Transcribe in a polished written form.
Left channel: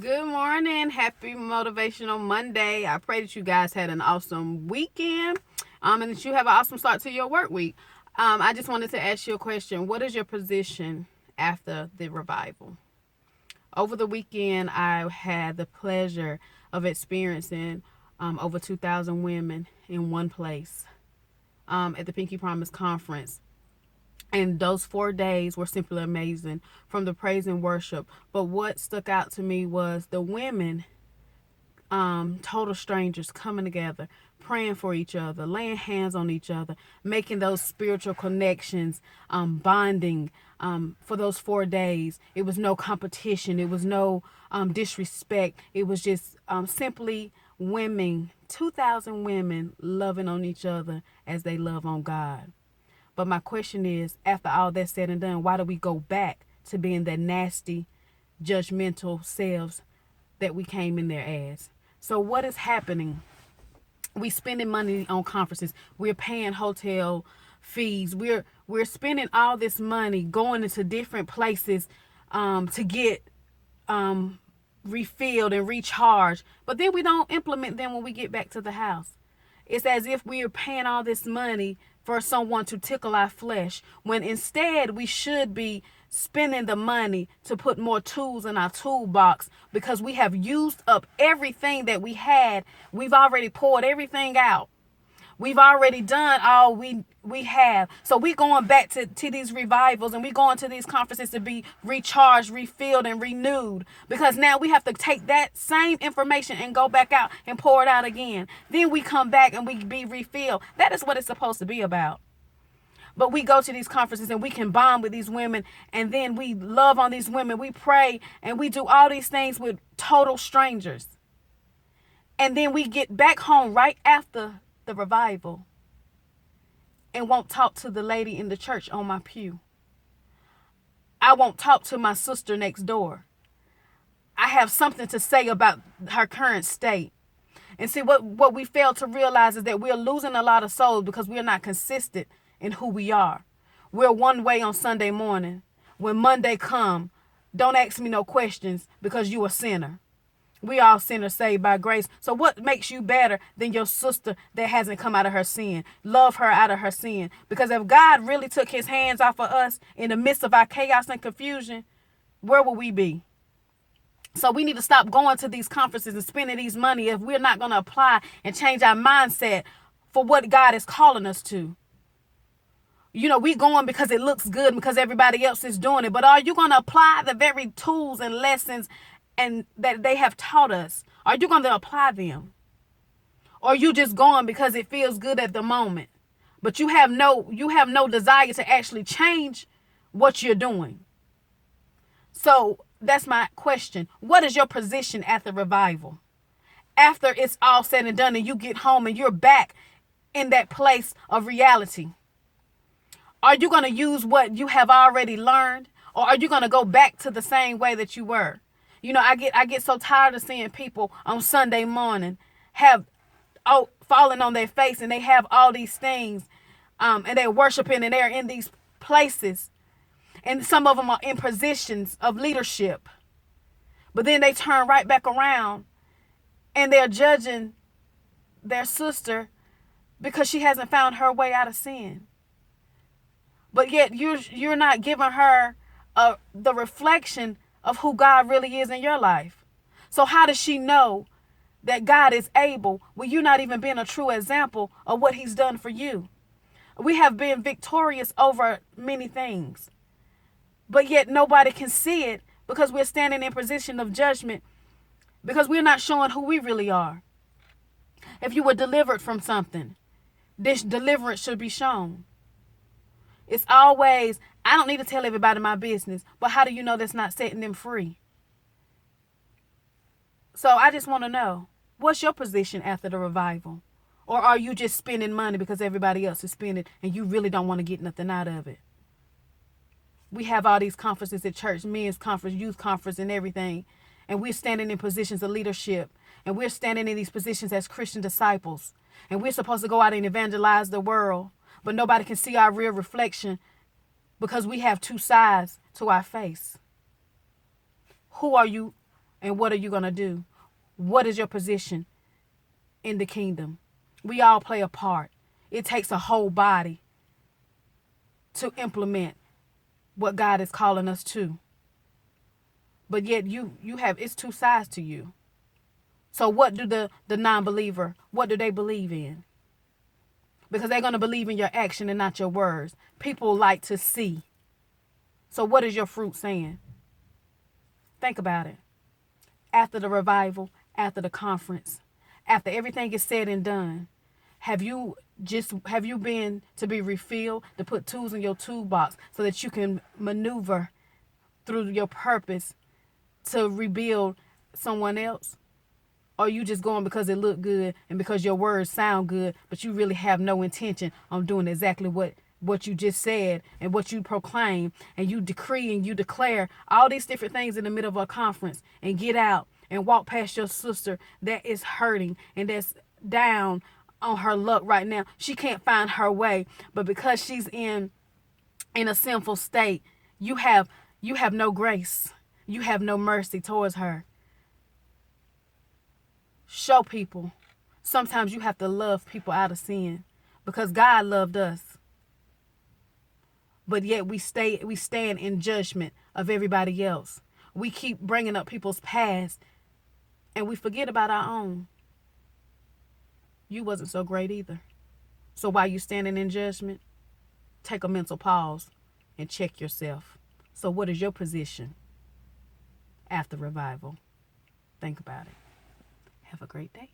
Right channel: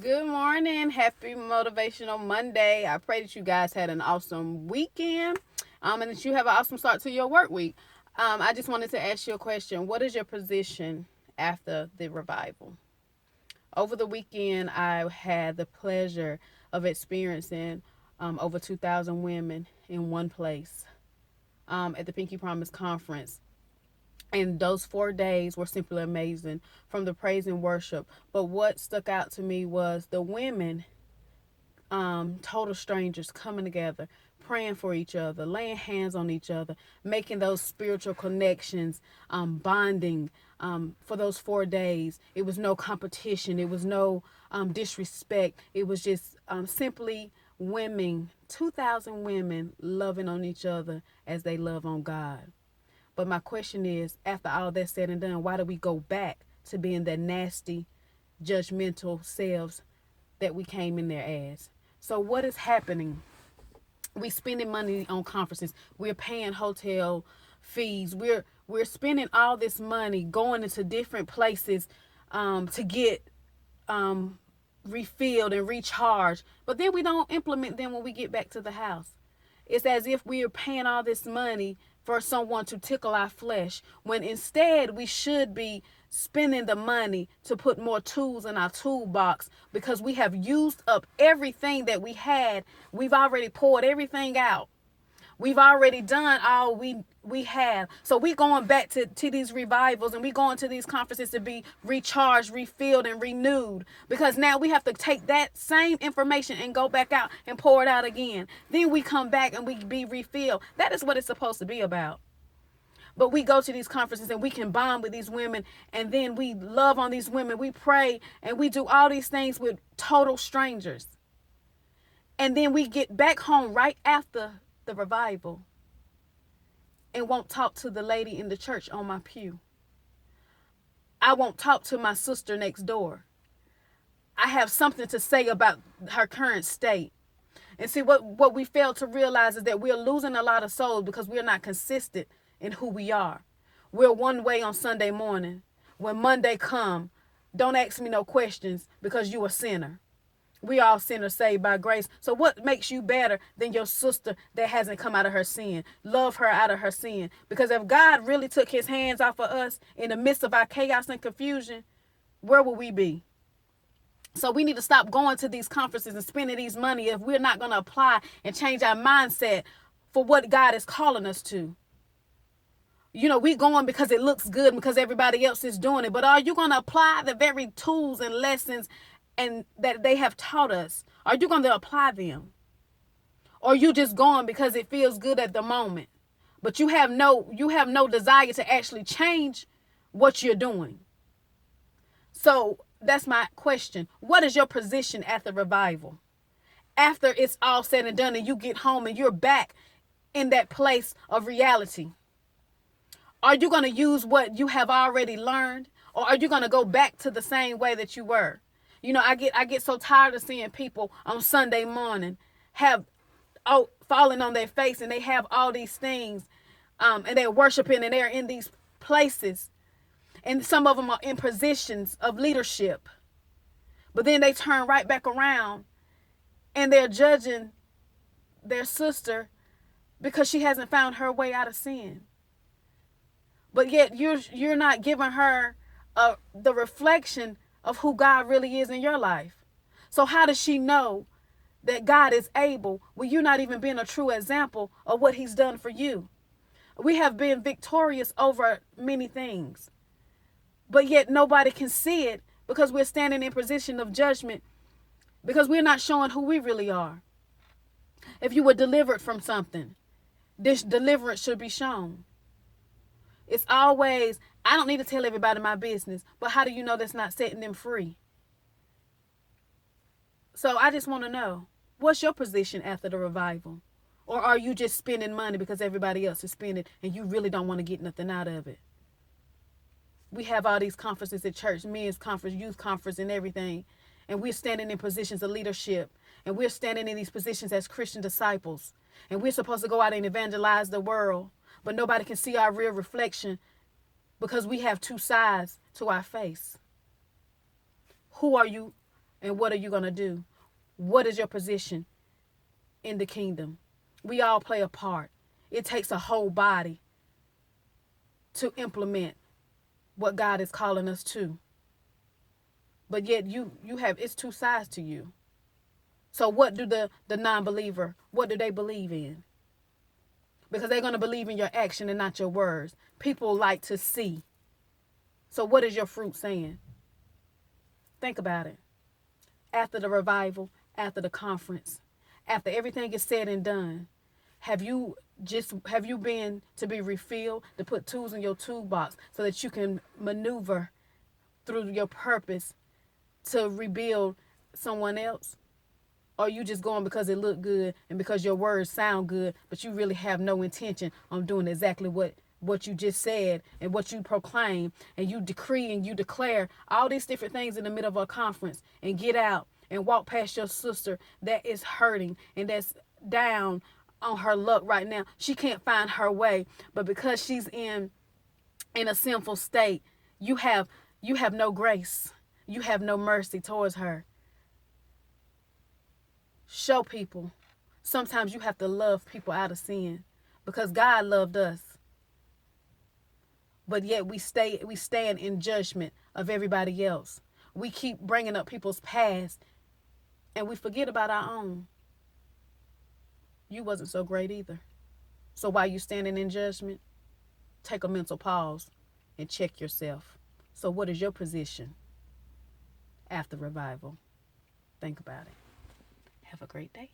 Good morning. Happy Motivational Monday. I pray that you guys had an awesome weekend and that you have an awesome start to your work week. I just wanted to ask you a question. What is your position after the revival? Over the weekend, I had the pleasure of experiencing over 2,000 women in one place at the Pinky Promise Conference. And those 4 days were simply amazing from the praise and worship. But what stuck out to me was the women, total strangers coming together, praying for each other, laying hands on each other, making those spiritual connections, bonding for those 4 days. It was no competition. It was no disrespect. It was just simply women, 2,000 women loving on each other as they love on God. But my question is, after all that's said and done, why do we go back to being that nasty, judgmental selves that we came in there as? So what is happening? We spending money on conferences. We're paying hotel fees. We're spending all this money going into different places to get refilled and recharged. But then we don't implement them when we get back to the house. It's as if we are paying all this money for someone to tickle our flesh, when instead we should be spending the money to put more tools in our toolbox, because we have used up everything that we had. We've already poured everything out. We've already done all we have. So we going back to these revivals, and we going to these conferences to be recharged, refilled, and renewed. Because now we have to take that same information and go back out and pour it out again. Then we come back and we be refilled. That is what it's supposed to be about. But we go to these conferences and we can bond with these women, and then we love on these women. We pray and we do all these things with total strangers. And then we get back home right after the revival and won't talk to the lady in the church on my pew. I won't talk to my sister next door. I have something to say about her current state. And see, what we fail to realize is that we're losing a lot of souls because we're not consistent in who we are. We're one way on Sunday morning. When Monday come, don't ask me no questions because you a sinner. We all sinners saved by grace. So what makes you better than your sister that hasn't come out of her sin? Love her out of her sin. Because if God really took his hands off of us in the midst of our chaos and confusion, where would we be? So we need to stop going to these conferences and spending these money if we're not going to apply and change our mindset for what God is calling us to. You know, we going because it looks good, because everybody else is doing it. But are you going to apply the very tools and lessons and that they have taught us? Are you going to apply them? Or are you just going because it feels good at the moment? But you have no desire to actually change what you're doing. So that's my question. What is your position at the revival? After it's all said and done and you get home and you're back in that place of reality, are you going to use what you have already learned, or are you going to go back to the same way that you were? You know, I get so tired of seeing people on Sunday morning have falling on their face, and they have all these things, and they're worshiping, and they're in these places, and some of them are in positions of leadership, but then they turn right back around and they're judging their sister because she hasn't found her way out of sin. But yet you're not giving her the reflection of who God really is in your life. So how does she know that God is able when you're not even being a true example of what he's done for you? We have been victorious over many things, but yet nobody can see it because we're standing in position of judgment, because we're not showing who we really are. If you were delivered from something, this deliverance should be shown. It's always, I don't need to tell everybody my business, but how do you know that's not setting them free? So I just want to know, what's your position after the revival? Or are you just spending money because everybody else is spending and you really don't want to get nothing out of it? We have all these conferences at church, men's conference, youth conference, and everything. And we're standing in positions of leadership. And we're standing in these positions as Christian disciples. And we're supposed to go out and evangelize the world. But nobody can see our real reflection because we have two sides to our face. Who are you And what are you going to do? What is your position in the kingdom? We all play a part. It takes a whole body to implement what God is calling us to. But yet you have, it's two sides to you. So what do the non-believer, what do they believe in? Because they're going to believe in your action and not your words. People like to see. So what is your fruit saying? Think about it. After the revival, after the conference, after everything is said and done, have you been to be refilled, to put tools in your toolbox so that you can maneuver through your purpose to rebuild someone else? Or are you just going because it looked good and because your words sound good, but you really have no intention on doing exactly what you just said and what you proclaim, and you decree and you declare all these different things in the middle of a conference, and get out and walk past your sister that is hurting and that's down on her luck right now. She can't find her way, but because she's in a sinful state, you have no grace. You have no mercy towards her. Show people. Sometimes you have to love people out of sin because God loved us. But yet we stand in judgment of everybody else. We keep bringing up people's past and we forget about our own. You wasn't so great either. So while you standing in judgment, take a mental pause and check yourself. So what is your position after revival? Think about it. Have a great day.